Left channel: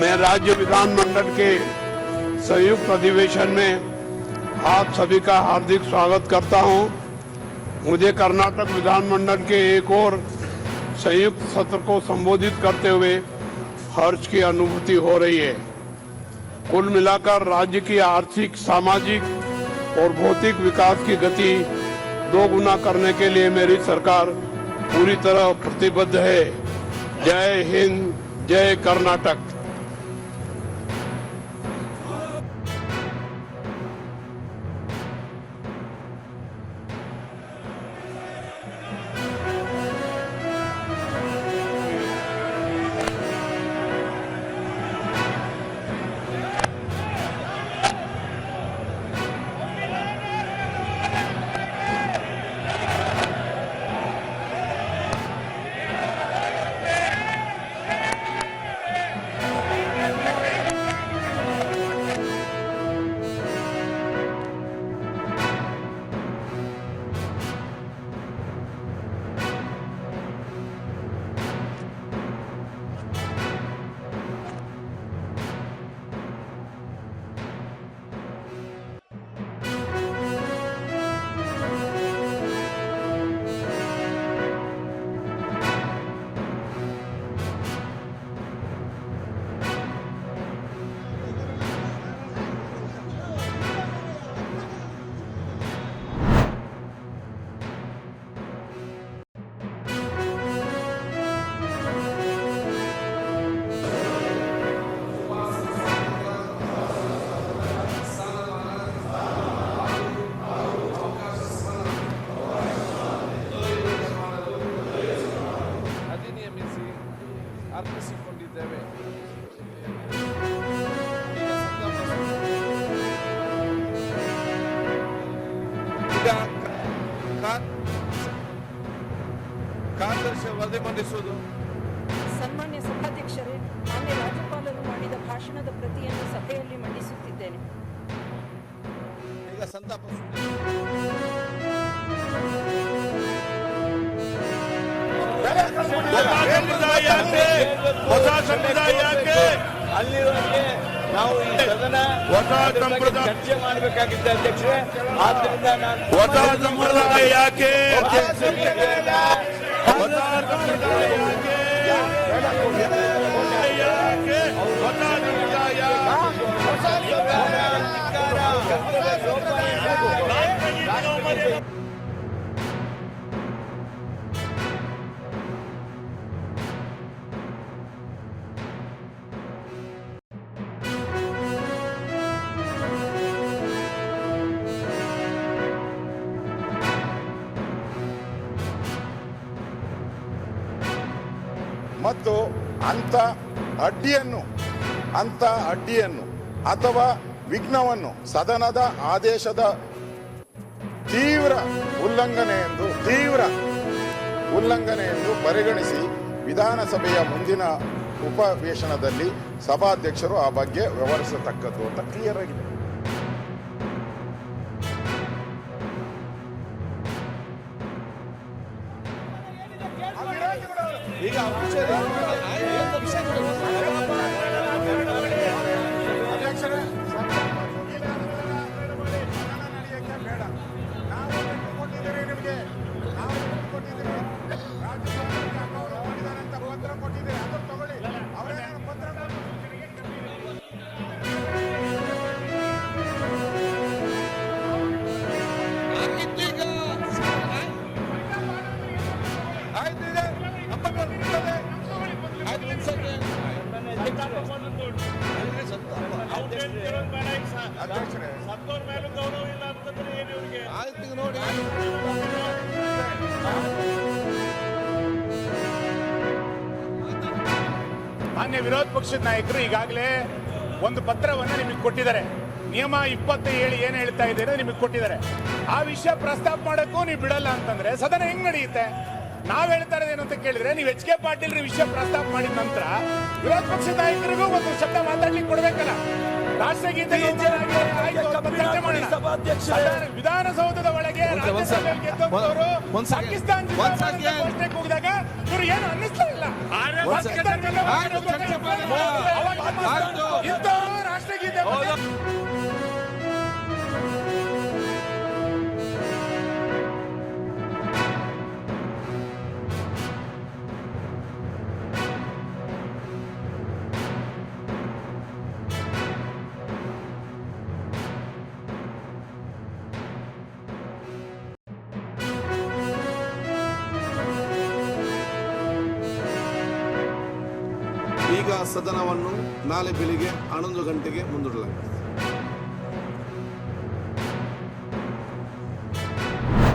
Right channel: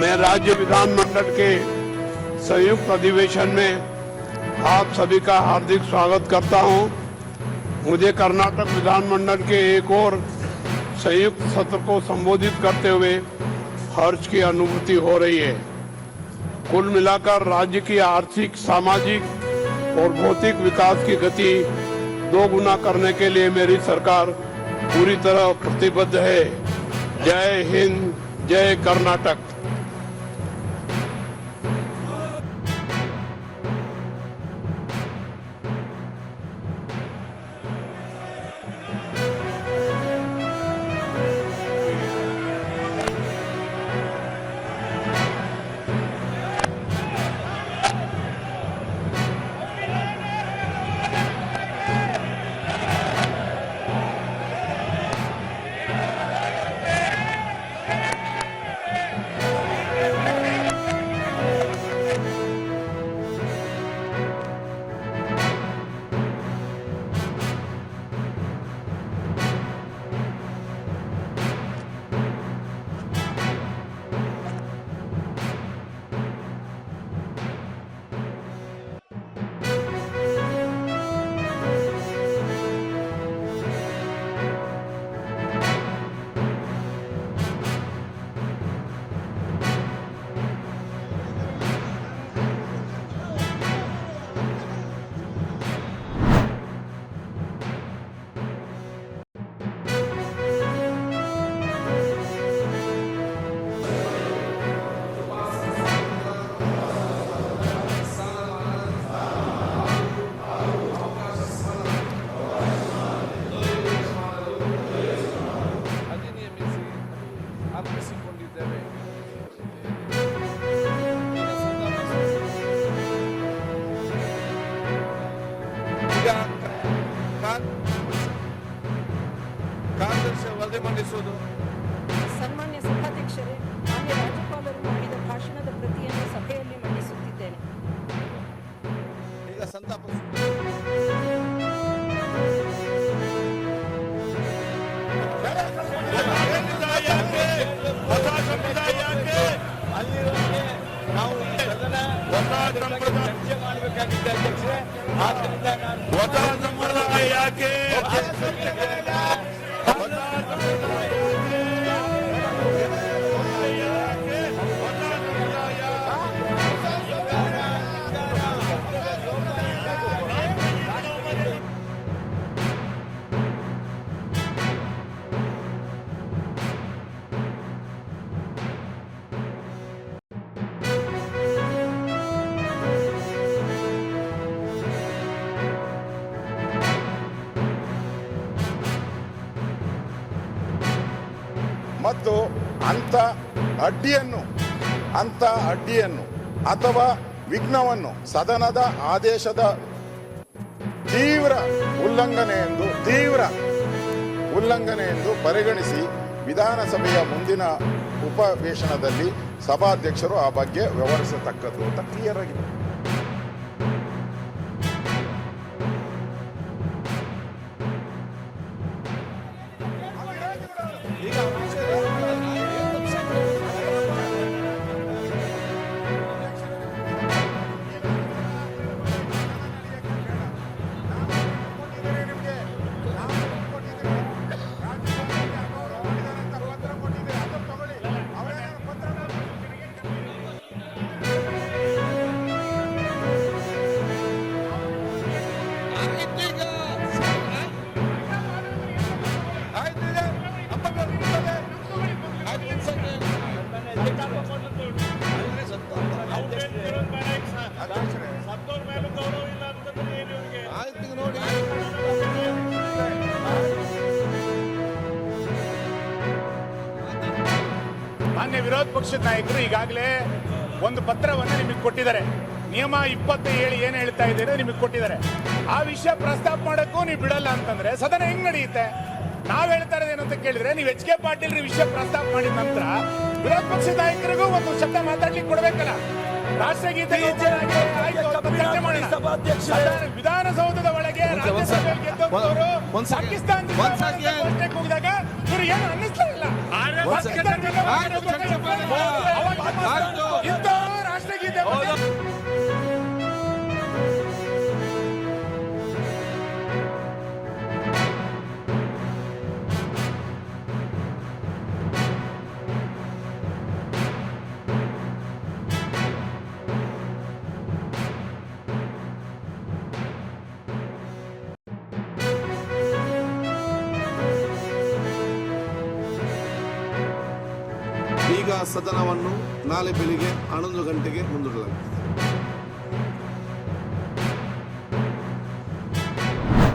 मैं राज्य विधानमंडल के संयुक्त अधिवेशन में आप सभी का हार्दिक स्वागत करता हूं। मुझे कर्नाटक विधानमंडल के एक और संयुक्त सत्र को संबोधित करते हुए हर्ष की अनुभूति हो रही है। कुल मिलाकर राज्य की आर्थिक, सामाजिक और भौतिक विकास की गति दोगुना करने के लिए मेरी सरकार पूरी तरह प्रतिबद्ध है। जय हिंद, जय कर्नाटक। ಅರ್ಪಿಸಿಕೊಂಡಿದ್ದೇವೆ. ಈಗ ಕಾರ್ಯದರ್ಶಿ ವರದಿ ಮಂಡಿಸುವುದು. ಸನ್ಮಾನ್ಯ ಸಭಾಧ್ಯಕ್ಷರೇ, ಮಾನ್ಯ ರಾಜ್ಯಪಾಲರು ಮಾಡಿದ ಭಾಷಣದ ಪ್ರತಿಯನ್ನು ಸಭೆಯಲ್ಲಿ ಮಂಡಿಸುತ್ತಿದ್ದೇನೆ. ಈಗ ಸಂತಾಪ ಹೊಸ ಸಂಪ್ರದಾಯ ಅಲ್ಲಿರೋಕ್ಕೆ ನಾವು ಈ ಸದನ ಹೊಸ ಸಂಪ್ರದಾಯ ಚರ್ಚೆ ಮಾಡಬೇಕಾಗಿತ್ತು ಅಧ್ಯಕ್ಷರೇ. ಆದ್ದರಿಂದ ನಾನು ಹೊಸ ಸಂಪ್ರದಾಯ ಯಾಕೆ ಮತ್ತು ಅಂಥ ಅಡ್ಡಿಯನ್ನು ಅಥವಾ ವಿಘ್ನವನ್ನು ಸದನದ ಆದೇಶದ ತೀವ್ರ ಉಲ್ಲಂಘನೆ ಎಂದು ಪರಿಗಣಿಸಿ ವಿಧಾನಸಭೆಯ ಮುಂದಿನ ಉಪವೇಶನದಲ್ಲಿ ಸಭಾಧ್ಯಕ್ಷರು ಆ ಬಗ್ಗೆ ವ್ಯವಹರಿಸತಕ್ಕದ್ದು ಅಂತ ಕ್ಲಿಯರ್ ಆಗಿದೆ. ಈಗ ನೋಡಿ ಮಾನ್ಯ ವಿರೋಧ ಪಕ್ಷದ ನಾಯಕರು ಈಗಾಗಲೇ ಒಂದು ಪತ್ರವನ್ನು ನಿಮಗೆ ಕೊಟ್ಟಿದ್ದಾರೆ. ನಿಯಮ 27 ಏನು ಹೇಳ್ತಾ ಇದ್ದೀರಾ ನಿಮಗೆ ಕೊಟ್ಟಿದ್ದಾರೆ. ಆ ವಿಷಯ ಪ್ರಸ್ತಾಪ ಮಾಡೋಕ್ಕೂ ನೀವು ಬಿಡಲ್ಲ ಅಂತಂದ್ರೆ ಸದನ ಹೆಂಗ್ ನಡೆಯುತ್ತೆ? ನಾವ್ ಹೇಳ್ತಾ ಇರೋದೇನು ಅಂತ ಕೇಳಿದ್ರೆ, ನೀವು ಎಚ್ ಕೆ ಪಾಟೀಲ್ ವಿಷಯ ಪ್ರಸ್ತಾಪ ಮಾಡಿದ ನಂತರ ವಿರೋಧ ಪಕ್ಷದ ನಾಯಕರಿಗೂ ಒಂದು ಶಬ್ದ ಮಾತಾಡ್ಲಿಕ್ಕೆ ಕೊಡ್ಬೇಕಲ್ಲ. ರಾಷ್ಟ್ರಗೀತೆ ಚರ್ಚೆ ಮಾಡೋಣ. ವಿಧಾನಸೌಧದ ಒಳಗೆ ರಾಜ್ಯಸಭೆಯಲ್ಲಿ ಗೆದ್ದವರು ಪಾಕಿಸ್ತಾನ ಘೋಷಣೆ ಕೂಗಿದಾಗ ಇವರು ಏನು ಅನ್ನಿಸ್ತಾ ಇಲ್ಲ. ರಾಷ್ಟ್ರಗೀತೆ ಈಗ ಸದನವನ್ನು ನಾಳೆ ಬೆಳಿಗ್ಗೆ 11 ಗಂಟೆಗೆ ಮುಂದೂಡಲಾಗಿದೆ.